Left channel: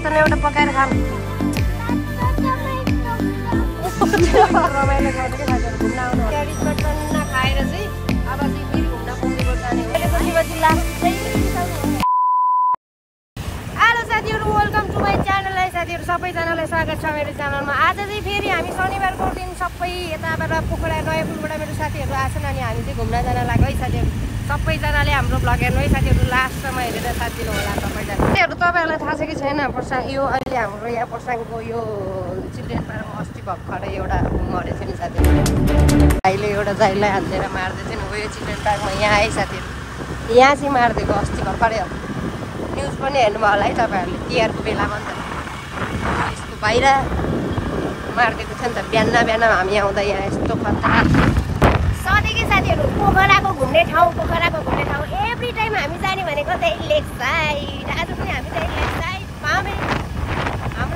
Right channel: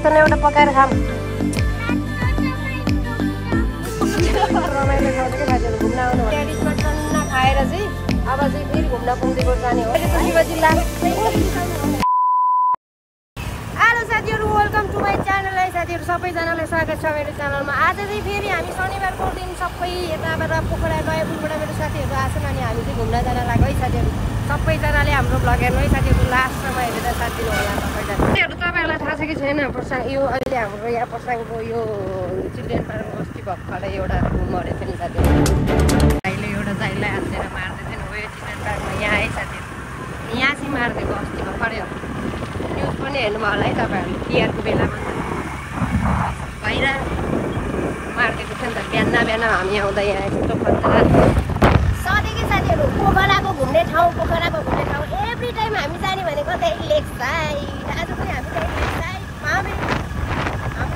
समातले एउटा पकाएर खाम रमाइलो खान्छ क्या साथीहरू घुम्न आउनु ट्यारिसमा टन्न खाएर चाहिँ अब चाहिँ फेरि घुम्न पुग्दै जाने हो अहिलेको शिवजी लास्टै हेलो साथीहरू वेलकम टु माई च्यानल है साथीहरू सबैजनालाई स्वागत छ मेरो च्यानलमा आज चाहिँ फेरि हामी शनिबारको दिन सबै यताबाट पोखरा नयाँ पुलबाट मेरो साथीहरू आछन् अनि हामी चाहिँ घुम्न जान लाग्यो है साथीहरू सबैजनाले हाम्रो भ्लग हेर्नु है साथीहरू लास्टसम्म हेरेर साथ दिनु होला सबैजना साथीहरू तपाईँहरूलाई थाहा छ कि छैन पर्साङ यो अहिले हाम्रो यहाँ पर्साङको यो चिल्ड्रेन पार्कमा अस्ति भर्खरै एउटा मरेको थियो नि साथीहरू भाइले एउटा जाइलाई हालेर मार्दै थियो नि हो यो चिल्ड्रेन पार्कमा यहाँ है साथीहरू यहाँ चाहिँ मारिदिएको अस्ति भर्खरै न्युज पनि हेर्नुभयो होला है तपाईँहरू तिहारको बेलामा त यस्तो बाहिर मारिदिएको थियो नि त बिहान हामी आउँदा यहाँ यस्तो खतरा सधैँकै साथीहरू पोखराको घुम्ने ठाउँ एभ्री टाइम हामी जाने भनेको चाहिँ लेक साइड आज पनि हामी चाहिँ लेक साइड हाम्रो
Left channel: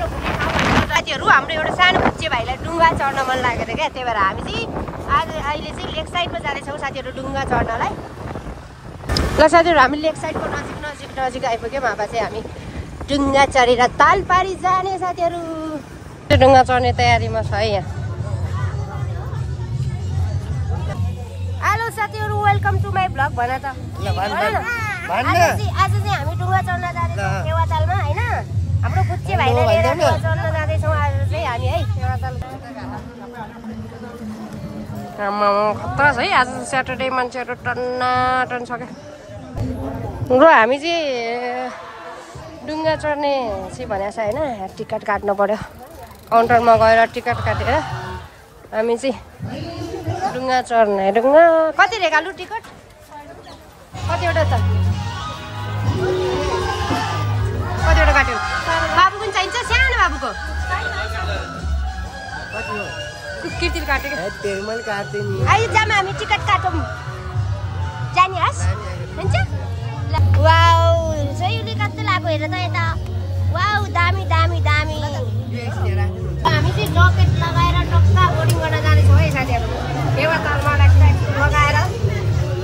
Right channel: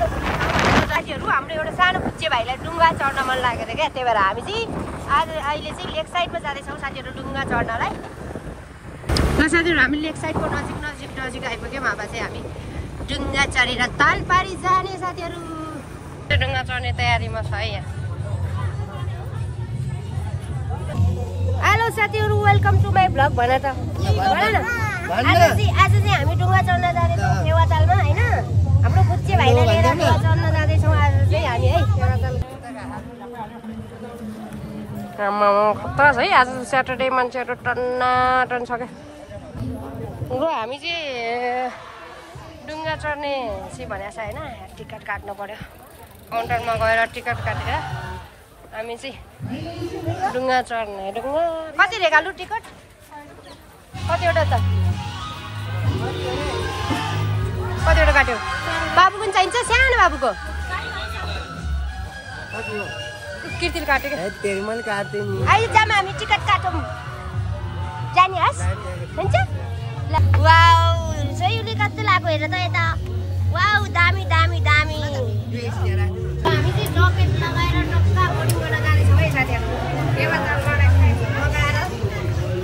घुम्ने ठाउँ साथीहरू हाम्रो एउटा सानो बुच्चे भाइलाई डुङ्गा चढ्न मन लागेको थियो क्या त्यही भएर हामी चाहिँ आज अहिले चाहिँ लेक साइडमा जाँदैछौँ साथीहरू डुङ्गा चढ्नलाई ल साथीहरू हामी लेक साइडको नजिक आइपुग्यौँ अब चाहिँ हामी डुङ्गा चढेर तालपारी जाने साथीहरू डुङ्गा चढ्ने तयारीमा छ है यहाँ हेलो साथीहरू वेलकम टु माई भ्लग भन त आज चाहिँ हामी डुङ्गा चढ्न जाँदैछौँ फेवातालमा होइन हाम्रो बुच्चे भाइलाई लिएर डुङ्गा चढ्न जाँदैछौँ आज चाहिँ हामी है फेवाताल खतरा छ है आज स्याटरडे मान्छेहरू टन्न छ क्या र हामी चाहिँ डुङ्गा चढ्ने चाहिँ भनेको छ होइन टिकट काट्नु पर्यो काउन्टरमा गएर टिकट काटेर हामी चाहिँ डुङ्गा चढ्ने डुङ्गा कति रे कालु टिकट कतिवटा छ कतिवटा काट्यो बाबुको पनि चाहिन्छ सानो बाबुको कृतिले काटेको अहिले जाम हामी टिकट काटौँ जाने हस् हुन्छ वाउ सहीले कति लाग्यो हेर त यता वाउ दामी हामी चाहिँ जकेट लगाएर टक्का बोर्डिङ गर्न जाँदैछौँ है साथीहरू लगाएर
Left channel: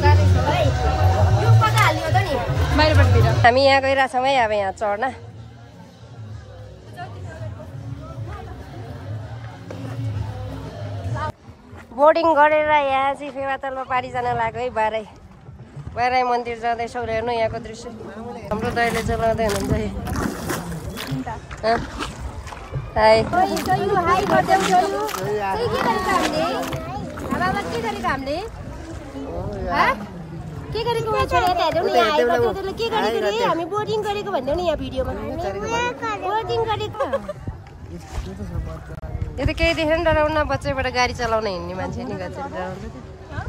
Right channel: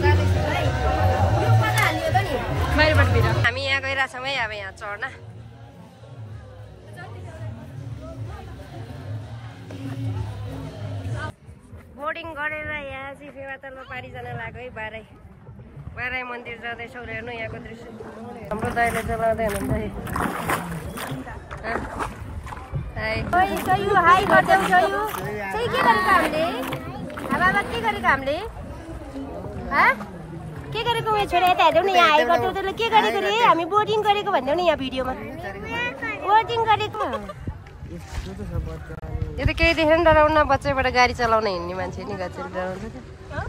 जाँदैछौँ है यो कता हालियो त नि बाहिरपट्टितिर हामी यहाँ गइरहेछौँ है अब यहाँ चढ्न बोर्डिङ गरेर यहाँ चाहिँ फेवातालमा पारी जान लाग्यो है बाराई मन्दिर जाँदैछौँ हेर्नु यहाँको दृश्य हाम्रो दाइले चलाउँदै हुनुहुन्छ हाई गरिदेऊ के गरेको हामीले के गरेको उयो छोडेर यता हेर्दैौ नि के गरेको रे हामी बोर्डिङ गरेको भन्दैौ नि यहाँ भिडियोमा बोर्डिङ गरेको यो त केही देखेर नि डराउन बच्चैबाट गाडी चलाउन हिँड्ने मान्छे नि गच्छेर डराउँछ क्या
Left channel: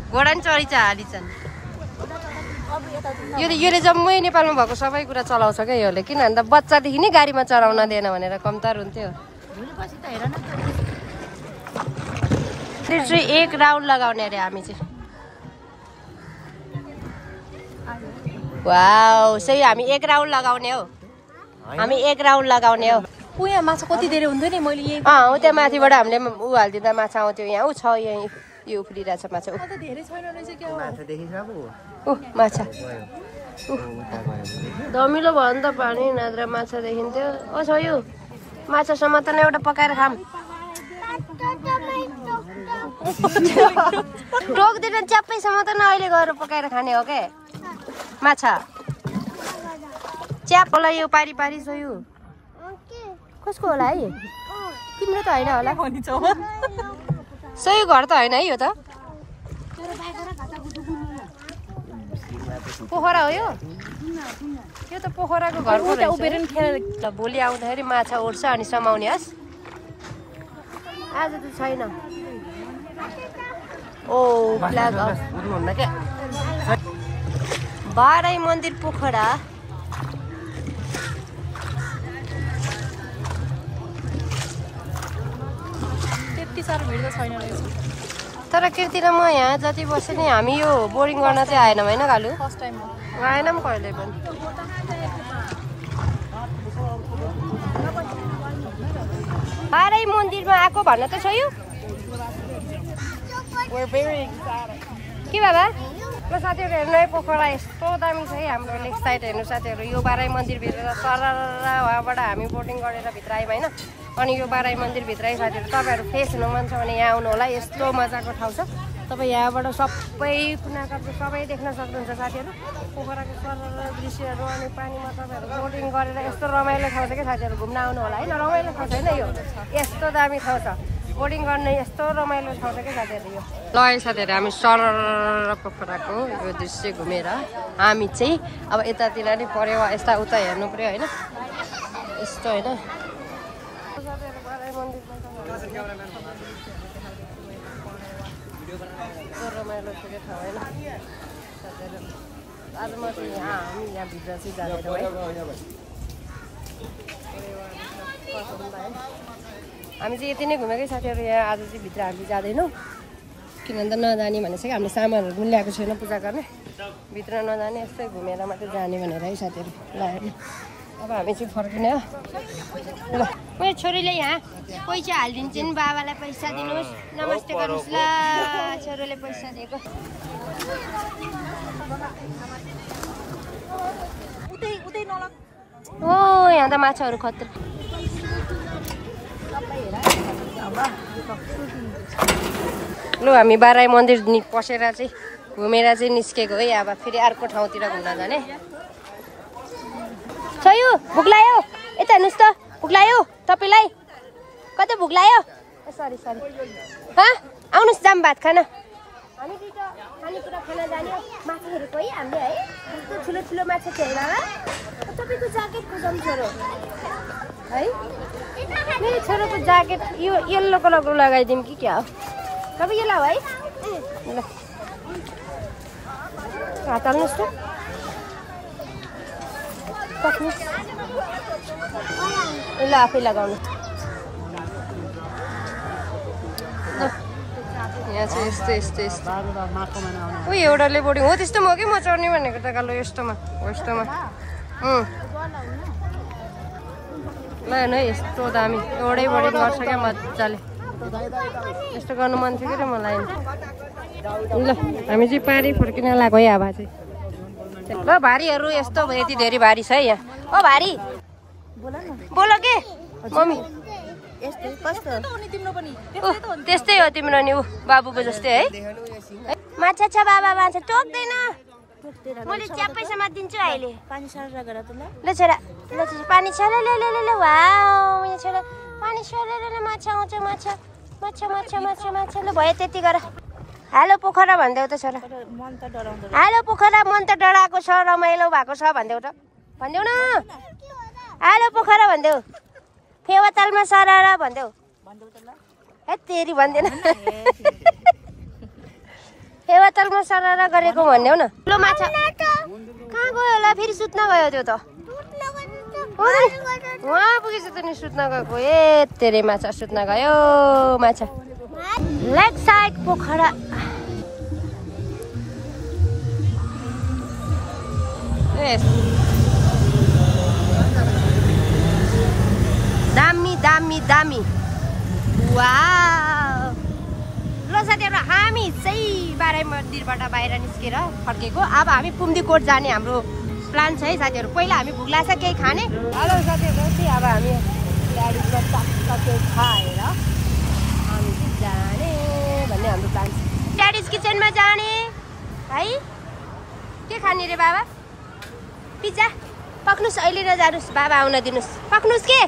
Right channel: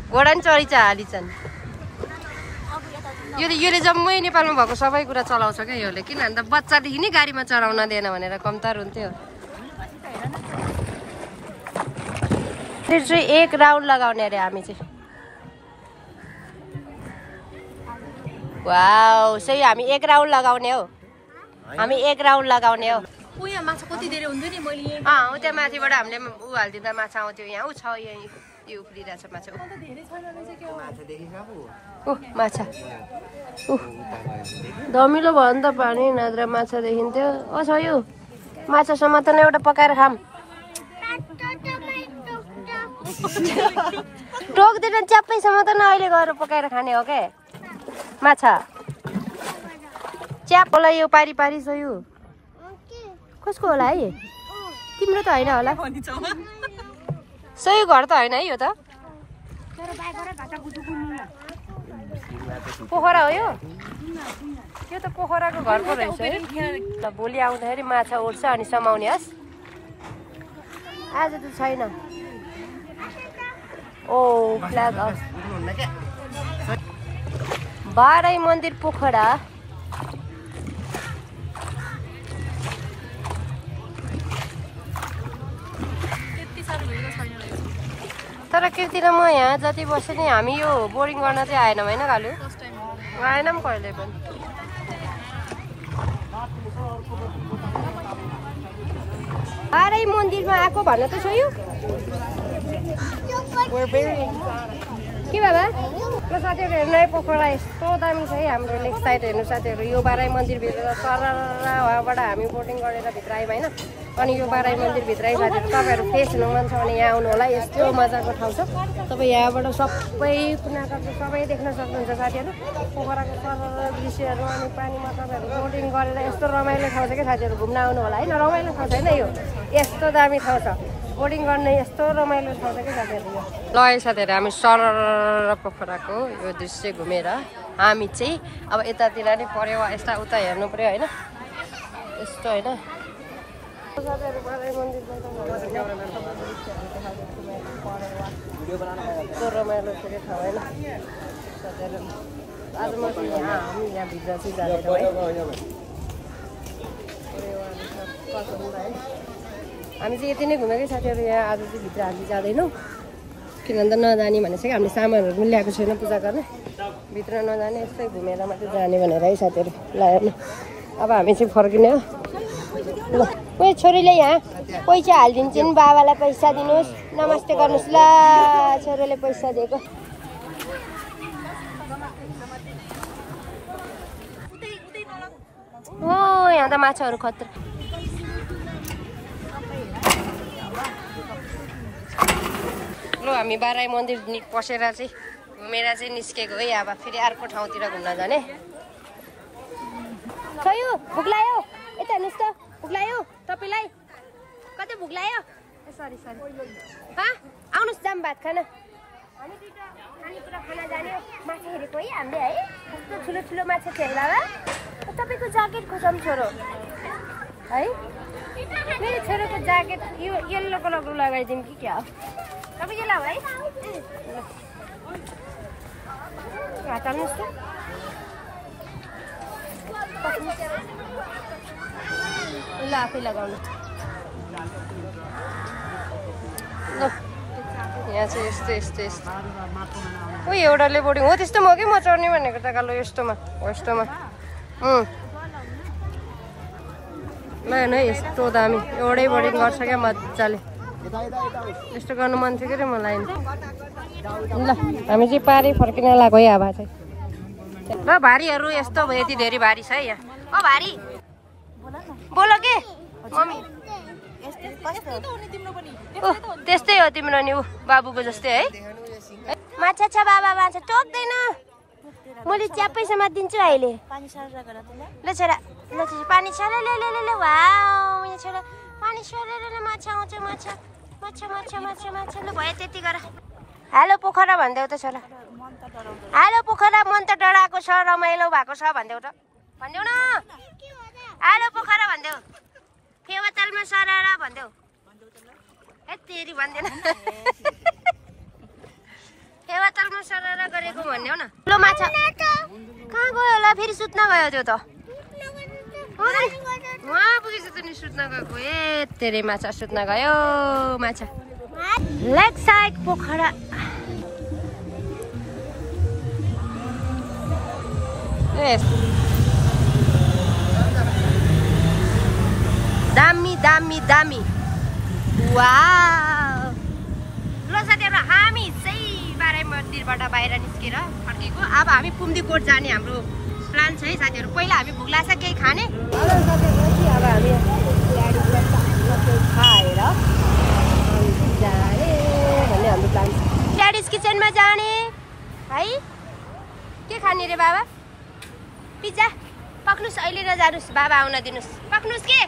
घोडा नि चढिन्छ हालिछन् योले जम्मै नेपालमा भएको सबै कुरा चलाउँछ क्या योले किन अन्त बच्चादेखि नै गाडीमा चढाउन दिएन भनेर कम्तार हुन्थ्यो चाहिँ एक राउन्ड लगाउने अरे हामी चाहिँ वाउ सही हामी एक राउन्ड लगाउने हो यहाँ माछा कति धेरै हुन्थ्यो नि मैले हो त्यहाँ माथिबाट हामीले ऊ हालिदिँदा माछा आउँथ्यो यहाँ ऊ छ यहाँ यो उफ्रिरहेछ माछा माछा धमिलो भयो नि त पानी नत्र माछा देखिन्थ्यो छ यो माछा समातले एउटा पकाएर खाम टोक्दैन च्याप्पै समातल अहिले गएर पकाएर खाने हो क्या माछा च्याप होला यो पारी छ यो कसको होला है तिम्रो त होइन होला सही घर त होइन है यो त पोखरा हो यो त पोखराको घरको रहेछ भोलि आउँदाखेरि माछा उठ्छ अनि समाउने हस् आज त छैन ओ फ्ल्याग बाराई मन्दिर पोखरा तर कृति र म यहाँ जति बस्यो नि हामी यो बोर्डिङ गर्न चाहिँ आएनौँ होइन कालु आएनौँ कहिले पनि बाराई मन्दिरमा आएको भन्न त छ यो के बाबा ल साथीहरु हेर्नु है पोखरा यस्तो दामी छ है हाम्रो लेक साइड हेर्नु साथीहरु यो बाराई मन्दिरभित्र सरर वहाँबाट हामी बोटिङ गरेर भित्र आयौँ हैन अनि यो बाराई मन्दिरभित्र है साथीहरु तपाईहरु फेस हुनु मन छ भने यहाँ आउनु होला यस्तो मजाको ठाउँ छ तपाई यहाँबाट सबै कुनाकाप्चा सबै देख्न सक्नुहुन्छ साथीहरु पोखराको सरर दृश्यहरु अनि पानीमा तपाईहरु बोटिङ गरेर यस्तो रमाइलो ठाउँ छ के साथीहरु घुम्न आउनु होला हैन रमाइलो ठाउँ छैन यो यस्तो दामी ठाउँ छ बोटिङ गर्ने यस्तो रमाइलो ठाउँ छ के साथीहरु यो ल है साथीहरु हामी सरर पोखराको यो दृश्य घुमेर हामी चाहिँ अब यतातिर नि पर्यो यस्ता उता हेर्नु पर्यो हैन यस्तो हैन साथीहरु बाराई मन्दिरमा यस्तो रमाइलो छ के ठाउँ हैन साथीहरु आज म चाहिँ हामी यहाँ भित्र चाहिँ जानेर है हामी चाहिँ यति नै घुमेकै साथीहरु यहाँ आज चाहिँ भित्र हामी जाँदैनौँ किनभने नजाने भनेपछि हामीले सामानहरू पनि ल्याएको छैन पूजा गर्ने भित्र नजाने यस्तै घुमेर मात्रै जाने भनेर है साथीहरु ल हेर्नु अब हामी चाहिँ फर्किने हो ल मेरो छोरीले यहाँ पैसा हालिदिन्छन् बाबालाई पैसा दिनुहोस् नमस्ते गर्नुहोस् ल छोरीले पैसा दिएको ओ यहाँ त माछाहरू खतरा लु हामी बाराई मन्दिर पसेर चाहिँ घुमेर चाहिँ निस्केको है अब फेरि अर्को ठाउँतिर घुम्न जाने छयो भुक लाग्यो यता हेर्नुहोस् त भुक लाग्यो तपाईँलाई कतै भुक लाग्यो सरी सरी आउनुहोस् जाम भात खाना हामी दुईटा खानेकुरा खाना जाने माछा हेरेको है हामीले है कस्तो ठुलो ठुलो माछा छ है बाबा तपाईँको ज्याकेट खोजौँ छोरो है मेरो छोरोको ज्याकेट यो येल्लो कलरको लगाइदिउँ कि क्या हो तपाईँ यो लाऊ है ल हात हाल्नुहोस् त ल आफै लगाउनु ल यहाँ चाहिँ यस्तो यस्तो यस्तो ओ एउटाले बोर्डिङ हो त्यस्तो म कि म चढ्ने भनेको त कालो यस्तोमा हो यस्तोमा ल हेर्नु है यस्तो दामी एउटै बोर्डिङ गर्छ क्या मजाले यस्तो गर्नु मन थियो कि मलाई ल हामी चाहिँ पारी फर्किन लाग्यो है अब चाहिँ ल भारीहरू यस्तो भयो यति धेरै भारी छ है यहाँ ओ भारी बोल के मम्मी त्यस्तै हो तिम्रो नि ऊ बाबुको जस्तै है माछा छ बाबा माछा टोक्दैन मैले च्याप्पै समातिदिन्छु अहिले ल छोरा ल पानी छ ल ल ल वाउ यहाँ छोरा पानी छ ल ल माछा आउँछ माछा माछा माछा माछा माछा ल भयो त्यति गर हेलो पोखरा भन्देऊ त छोरा हेलो पोखरा मन त डराएको छ रमाइलो भएको छ भन्देऊ त भन्देऊ न हेलो पोखरा भन्देऊ फेवातालमा सरारा भन्देऊ ए तेरी भन्दैन फेवातालमा सरारा गरेको भन्देऊ न ठुलो माछा कहाँ गयो होला फेरि सुत्न गयो त्यो त वहाँ पुगेछ त नि सुत्न गएको ए तेरे माछा सुत्न गयो माछा लेक साइड पोखरा दामी दामी दामी वाउ ल साथीहरु हामी चाहिँ बाराई मन्दिरबाट बाहिर निस्केर फर्केको अब हामी पुम्दीकोट जाने हाम्रो प्लान छ है साथीहरु पहिला हामी भुक लाग्छ केही खाने हेलो साथीहरु अब हामी खाएर हामी जाने भन्ने हाम्रो प्लान छ ड्याडीज किचनमा जाने है के खाने रे बाबा पिज्जा पक्नुस् अहिले नजानुस् बाबा आउन दिनुस् पक्नुस् के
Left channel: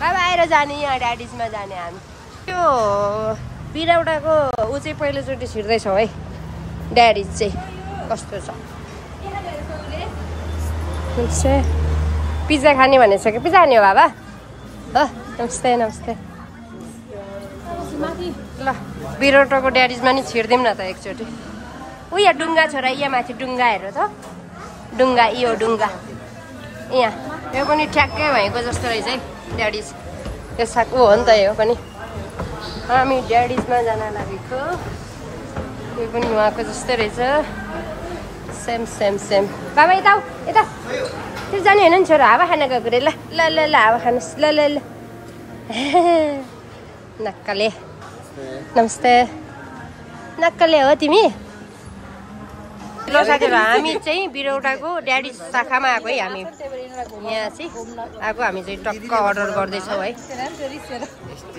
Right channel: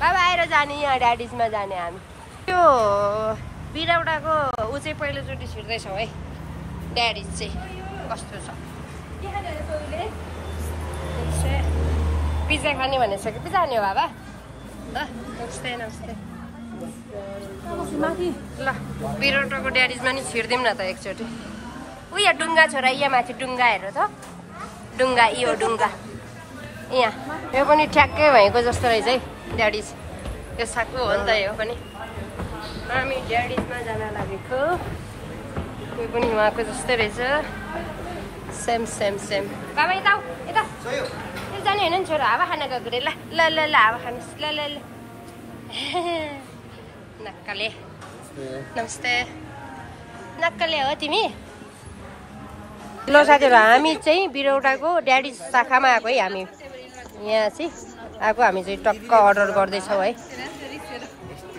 बाबा आएर जाने यहाँ ड्याडीजमा जाने हामी त्यो बिरौडाको ऊ चाहिँ पहिलोचोटि छिर्दैछौँ है ड्याडीज चाहिँ कस्तो छ पिज्जा खाने भनेछ कि पिज्जा खाने हो बाबा नमस्ते नमस्ते ल बिरौटाको ड्याडीजमा नि छिर्दिउँ न त एकचोटि ऊ यहाँ डुङ्गा छ र यहाँ माथि डुङ्गा हेर त डुङ्गा यो डुङ्गा यहाँ यो पनि ठ्याक्कै भएको जस्तो रहेछ है ड्याडीज यो साको हो नि त यो पनि हामी ड्याडीजमा जान लागेको यो पनि उहाँको जस्तै रहेछ सेम सेम सेम बाबा यता यता त्यो जाने होइन नि छोरा हावा खान गएको रे ल ल ल ल हावा खानुहोस् ल ल ल नक्कले नमस्ते नक्कले हो तिमी ल साथीहरु हामी चाहिँ बिरौटाको ड्याडी शाखामा आएको है हामी यहाँ चाहिँ आएको हामी चाहिँ टक्क अर्डर गर्दैछौँ है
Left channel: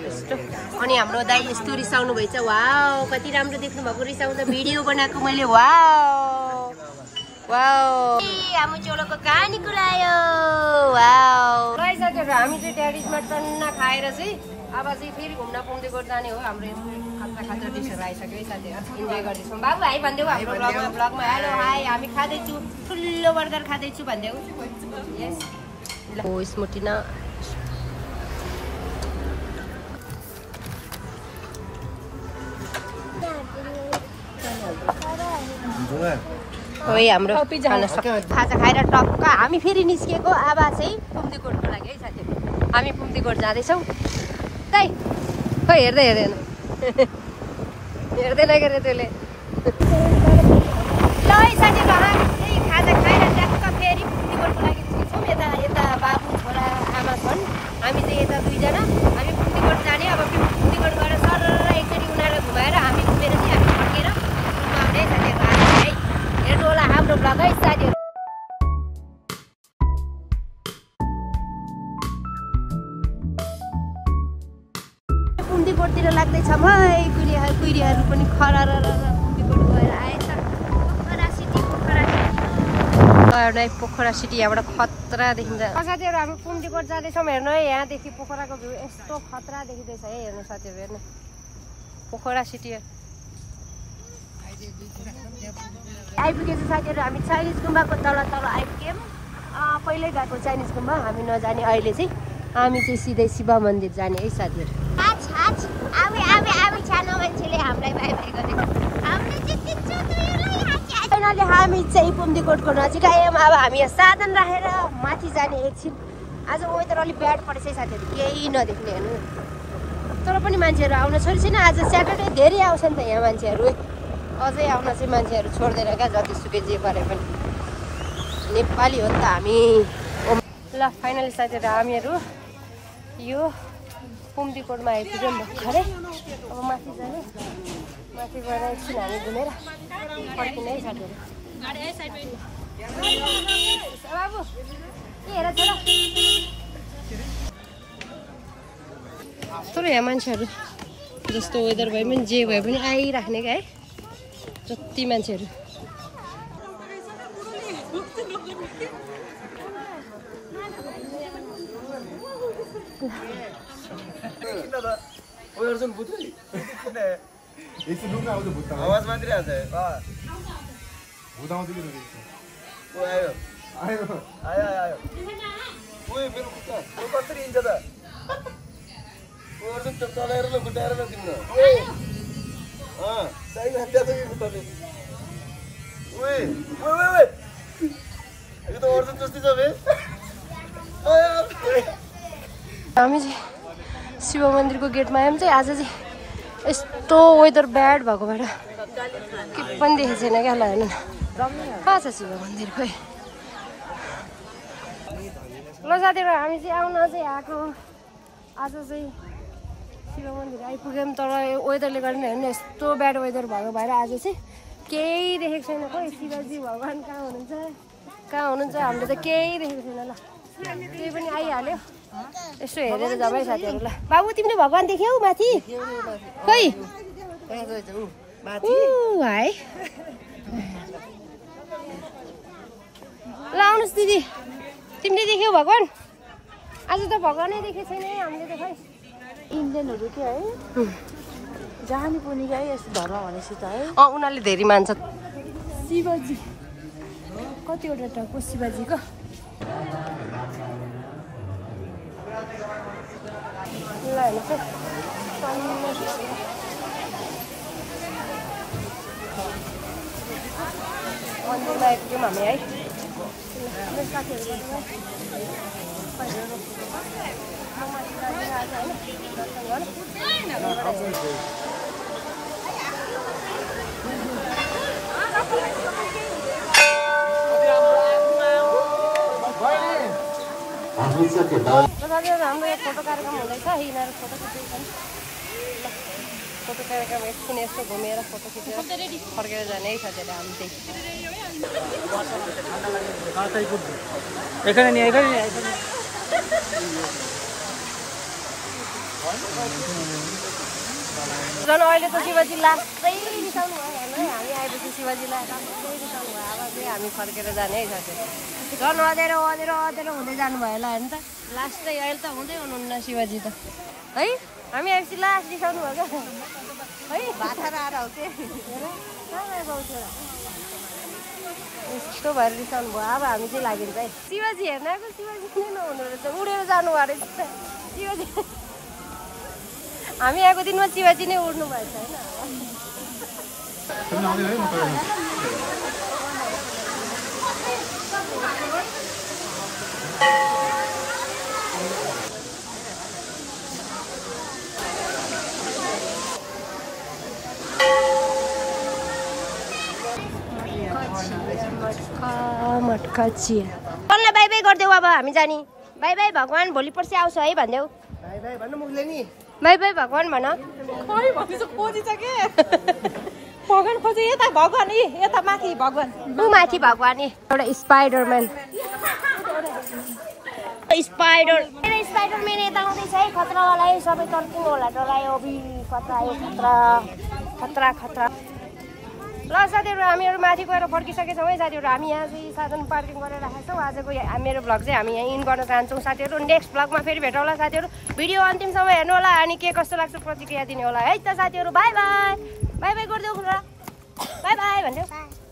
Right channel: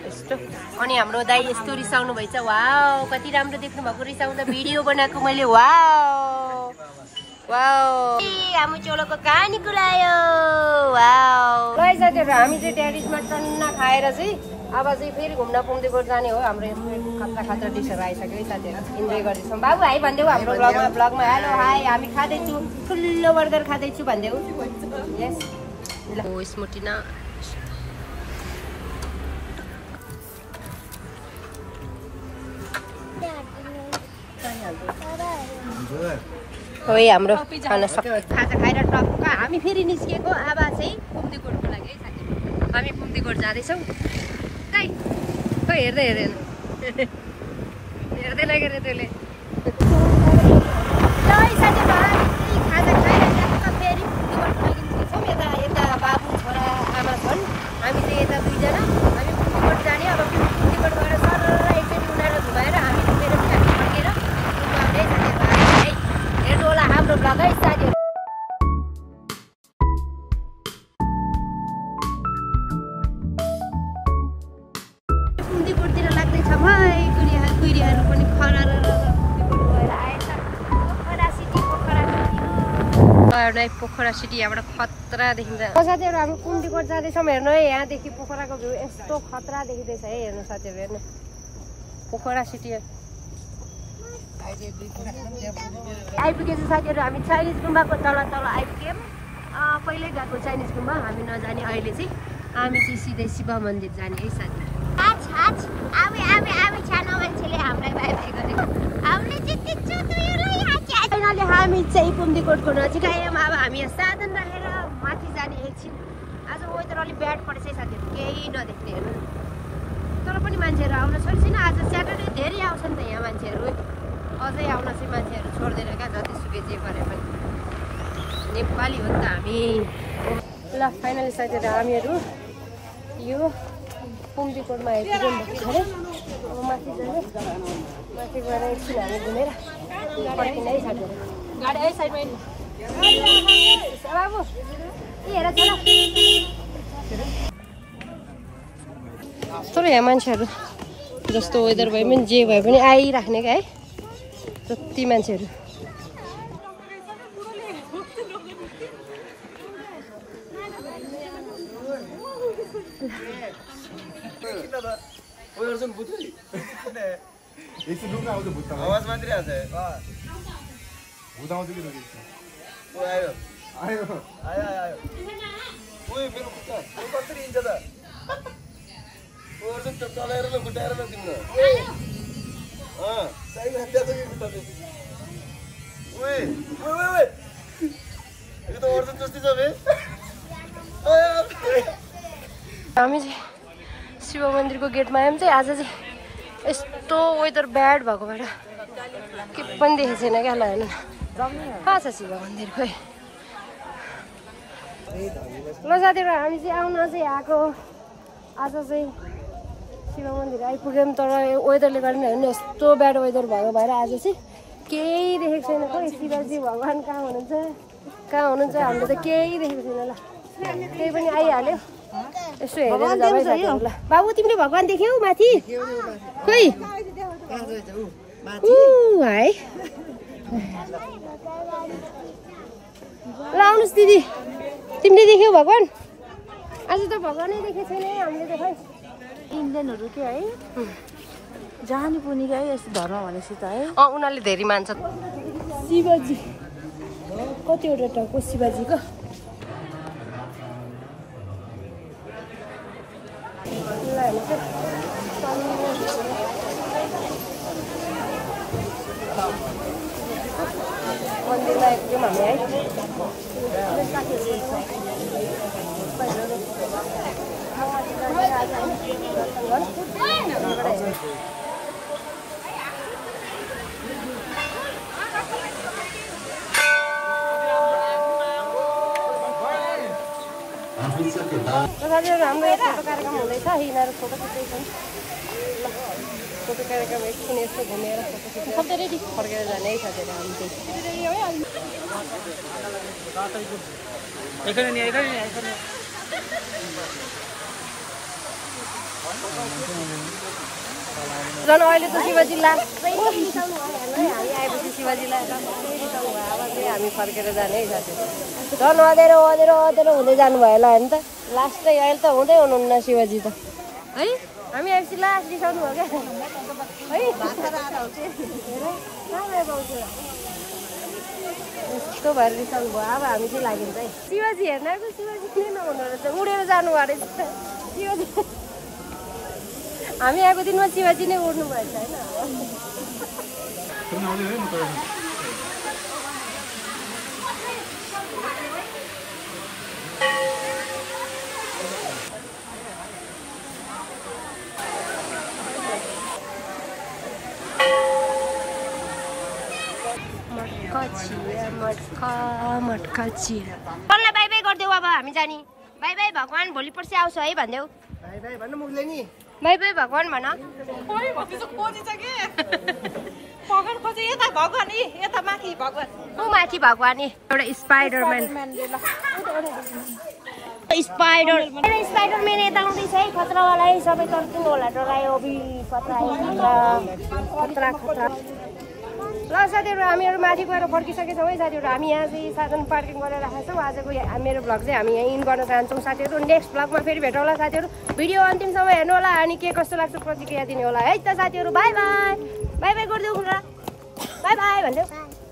यस्तो अनि हाम्रो दाइ यस्तो रिसाउनु भएछ वाउ कति राम्रो देख्नु भएको रिसाउँदा भिडियो बनाएको मैले वाउ वाउ हाम्रो चोलोको कहानी कुरायो वाउ ल साथीहरु हामी चाहिँ ड्याडीजमा टन्ना खाएर चाहिँ अब चाहिँ फेरि घुम्न पुग्दै जाने हो हाम्रो खतरा खतरा डिसहरू आइसक्यो है साथीहरु इन्जोय गर्दैछौँ बाबु हाई भन्देऊ हाम्रो ब्लगमा हेलो हाई हामी खाँदैछु ठुलो बर्गर खाँदैछु भन्देऊ यस ल हो स्मोटिना हो हाम्रो खाना खाजा खाएर टक्क हामी फेरि निस्किएको अब चाहिँ पुम्दीकोटको लागि है साथीहरु हामी पुम्दीकोट जाँदैछौँ दाइ खै हेर्दै हेर्दैन हेर्दैन के रे त्यसले ल है साथीहरु हामी खाजा खाएर टक्क फेरि पुम्दीकोटको लागि निस्किन्छौँ यता यता बाबु छोरा आमा छन् हामी चाहिँ यता दुईजना हामी पुम्दीकोट जाने अब पुम्दीकोट गएर सरर एकचोटि उनीहरूलाई घुमाएर हामी घुमेर चाहिँ हामी फर्केर है साथीहरु है हेर्नु होला हाम्रो ब्लग है साथीहरु पुम्दीकोटतिर लाग्दैछ कुहिरीहरू पनि खरार पुम्दीकोट गएर आएछ पोखरा सिटी यहाँबाट खतरा देखिन्छ साथीहरु हामी पुम्दीकोट जाँदैछौँ हेर्नु है यहाँदेखि पोखराको भ्यू यस्तो खतरा देखिँदैछ है हेर्नु साथीहरु हेर्नु पोखरा सिटी आइपुगेछ साथीहरु हामी चाइनिज गुम्बाको तल आइपुग्यौँ पहिल्यै गएको चाइनिज गुम्बा हामी नजाने अहिले चाहिँ हामी चाहिँ सिधै शिव मन्दिर जाने है साथीहरु सानो मान्छेले हामीलाई बाई बाई गरेको फाइनली हामी चाहिँ पुम्दीकोटको नजिक आयौँ अब हामी यहाँ साधन राखेर माथि जाने एकछिन आज वेदर अलिक ब्याड परेछ साथीहरु केही नदेख्ने हेर्नु तर पनि मान्छेहरू आउन छोडिछैन आज स्याटरडे धेरै आउँछ नि त यहाँ मान्छेहरू अझै आउन चाहिँ मान्छेहरू छोड्दैन क्या जतिसुकै जे गरे पनि नेपाली हो नि त हामी ल फाइनली साथीहरु हामीहरू यो पुम्दीकोटमा आइपुग्यौँ भर्खरै अब माथि जाने माथि गएर एकछिन हामी घुमेर फर्किने है साथीहरु गाडी है साइडमा बाबु ए हेर छोरा तर यहाँ मान्छेहरू जस्तो वेदर भए पनि जे भए पनि आइराख्ने क्या है जति मान्छेहरू आवाज मात्रै आउँछ आयो आयो आयो आयो ओए मेरो खुट्टा कसरी हिँड्छ त अर्जुन चलाएर ल खुट्टाएर ल तिम्रो साइड हत्या त खुट्टा ओए ओए ओए यो त अर्जुन जस्तै छ बे हामी चाहिँ शिव मन्दिरको गेटमा आयौँ चाहिँ आज चाहिँ यस्तो वेदर ब्याड भएको भएर के पनि देखेको छैन क्या ल हेर्नु कहाँ छ शिव मन्दिर खोइ ल साथीहरु हामी चाहिँ आउन चाहिँ आएको आज चाहिँ शिव मन्दिर आइपुग्यौँ तर वेदरले गर्दा हेर्नु यस्तो ब्याड वेदर भएको भएर आज चाहिँ केही देखेको छैन खोइ शिवजी भगवान् कहाँ हुनुहुन्छ हामीले त केही देखेको छैन ल केही पनि आइहाल्यो यसो हेरेर जाऊ है साथीहरु ल बाबु तिमीले भगवान् देख्यौ माथि खोइ है ल आउनुहोस् दिदी तिमीले देख्यौ भगवान् आज त भगवानै देखेको छैन हामीले त खै इन्डियनहरु के है जानी पनि गए यस्तो धर्म भनेपछि त है उनीहरूले धेरै मान्छ शिवजी कतिवटा टाउको शिवजीको ल हेर्नुहोस् मन्दिरमा आइपुग्यौँ हामी है हाम्रो यो फोटो कार्यक्रम हुँदैछ यिनीहरू फोटो खिच्दैछन् फोटो कार्यक्रम एकछिन यस्तो घुमेर फोटो खिचेर फर्केर जाने है साथीहरू हामी झन् अहिले त शिवजी लास्टै रिसाउनु भयो हेर्नु है हामी आएपछि शिवजीलाई लास्टै रिसाउनु भयो अब चाहिँ हामी फर्केर जाने है साथीहरू झन् अँधेरो हुँदै जानुभयो होला होइन त लास्टै अहिले त हुँदै हुनुहुन्न शिवजी त है हामी आएपछि लास्ट रिसाउनु भयो क्या है यस्तो भएर रिसाउनु भयो अब हामी चाहिँ लागिन्छ है शिवजी हेर्न आएको शिवजी नै नहुनु रहेछ उडेर जानुभयो रहेछ शिवजी हामी आएको दिनमा शिवजी नै उड्नु भएछ होइन मटका चिया कसलाई बाई बाई गरिदेऊ अब हामी जाने बाई बाई भगवान् भोलि पर्सि आउँछ है भनिदेऊ बाई बाई भन्नु मुखले नि बाई बाई भगवान् भन माथि भगवान् एउटा स्पाइडरम्यान स्पाइडरम्यान यता आउँदैछ है खतरावाला है सबै तर्किनु होला डरायो खतरा खतरा खतरा ल साथीहरू हामीहरू माथि गएर फर्किसकेछौँ है साथीहरू हामी यहाँ चाहिँ साधन पार्किङ गरेर राखेका छौँ आजको मेरो भ्लग चाहिँ हामी यहाँ इन गर्न चाहन्छौँ साथीहरू नेक्स्ट भ्लगमा फेरि भेटौँ होला साथीहरू भिडियो अन्तिमसम्म हेर्नु होला अनि के कस्तो लाग्छ प्रतिक्रिया दिने होला है त साथीहरू बाई बाई बाई बाई गरिदेऊ खुला बाई बाई भनिदेऊ